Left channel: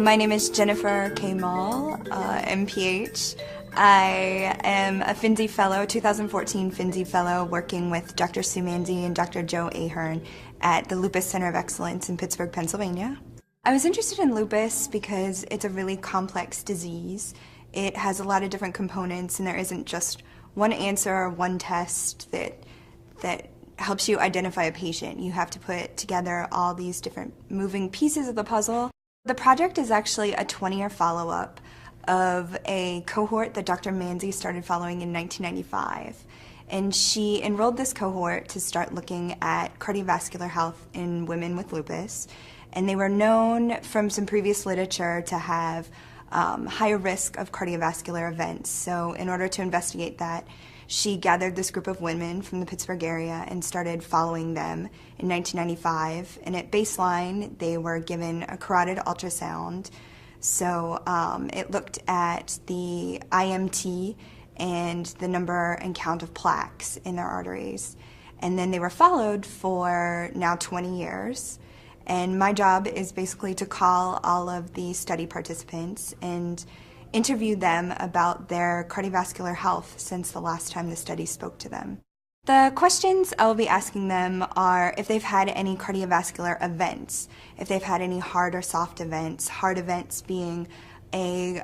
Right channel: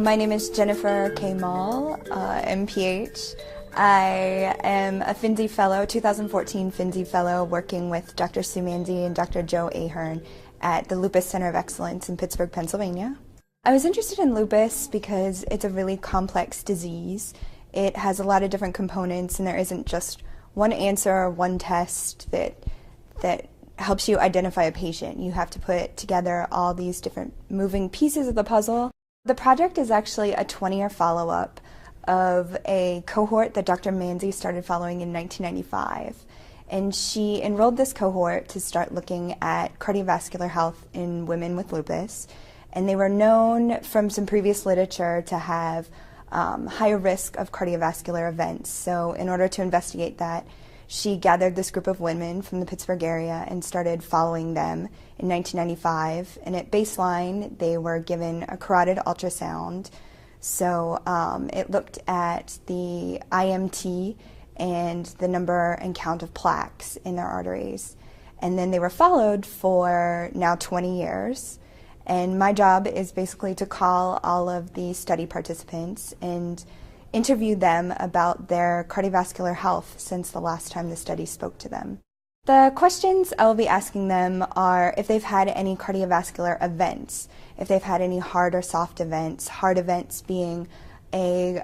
My name is Jennifer K. Mall, MPH. I am a Finzi Fellow, 2014 Finzi Fellow, working with Dr. Sue Manzi and Dr. Joe Ahearn at the Lupus Center of Excellence in Pittsburgh, Pennsylvania. I was interested in lupus because it's a really complex disease. It has a lot of different components, and there isn't just one answer or one test that helps you identify a patient. You have to put together all these different moving pieces of the puzzle. The project is actually a 20-year follow-up of a cohort that Dr. Manzi started following in 1995. And she enrolled this cohort to start looking at cardiovascular health in women with lupus. And they were known from some previous literature to have higher risk of cardiovascular events. So in order to investigate that, she gathered this group of women from the Pittsburgh area and started following them in 1995. And at baseline, they were given a carotid ultrasound. So it looked at the IMT and the number and count of plaques in their arteries. And then they were followed for now 20 years. And my job is basically to call all of the study participants and interview them about their cardiovascular health since the last time the study spoke to them. The questions I will be asking them are if they've had any cardiovascular events, if they've had any hard or soft events, hard events being a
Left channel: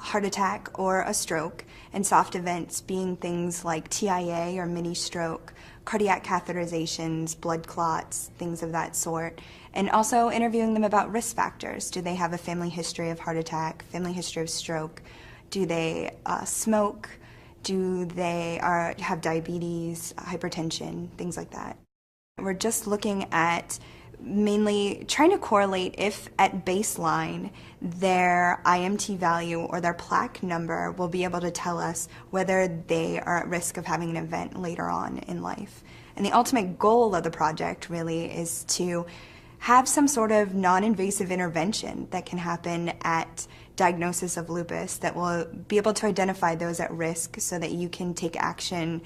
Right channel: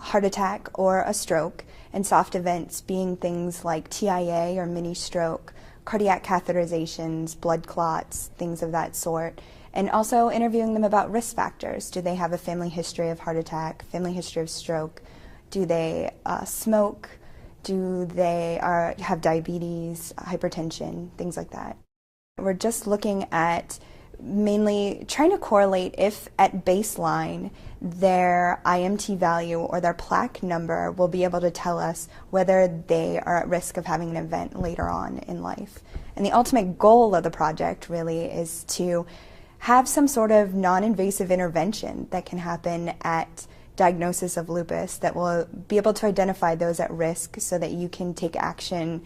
heart attack or a stroke, and soft events being things like TIA or mini stroke, cardiac catheterizations, blood clots, things of that sort. And also interviewing them about risk factors. Do they have a family history of heart attack, family history of stroke? Do they smoke? Do they have diabetes, hypertension, things like that? We're just looking at mainly trying to correlate if at baseline their IMT value or their plaque number will be able to tell us whether they are at risk of having an event later on in life. And the ultimate goal of the project really is to have some sort of non-invasive intervention that can happen at diagnosis of lupus that will be able to identify those at risk so that you can take action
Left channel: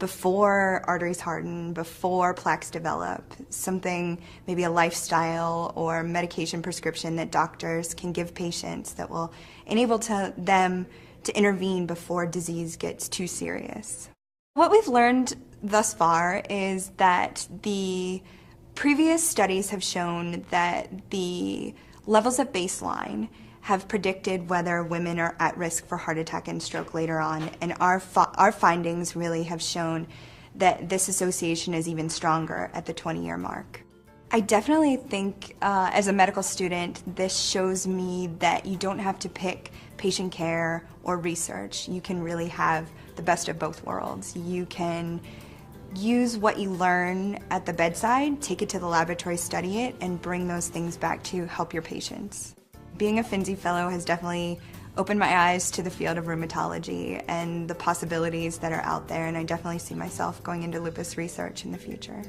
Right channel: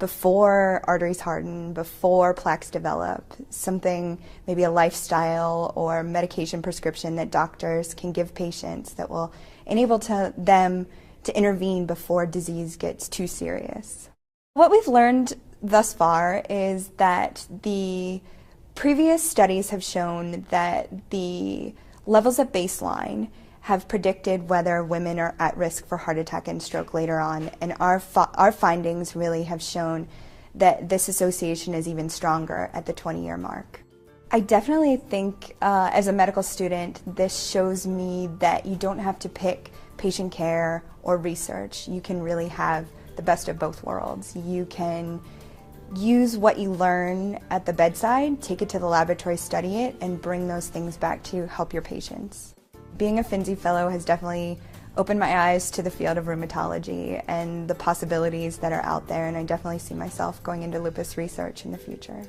before arteries harden, before plaques develop, something, maybe a lifestyle or medication prescription that doctors can give patients that will enable them to intervene before disease gets too serious. What we've learned thus far is that the previous studies have shown that the levels at baseline have predicted whether women are at risk for heart attack and stroke later on, and our findings really have shown that this association is even stronger at the 20-year mark. I definitely think as a medical student, this shows me that you don't have to pick patient care or research. You can really have the best of both worlds. You can use what you learn at the bedside, take it to the laboratory, study it, and bring those things back to help your patients. Being a Finzi Fellow has definitely opened my eyes to the field of rheumatology and the possibilities that are out there, and I definitely see myself going into lupus research in the future.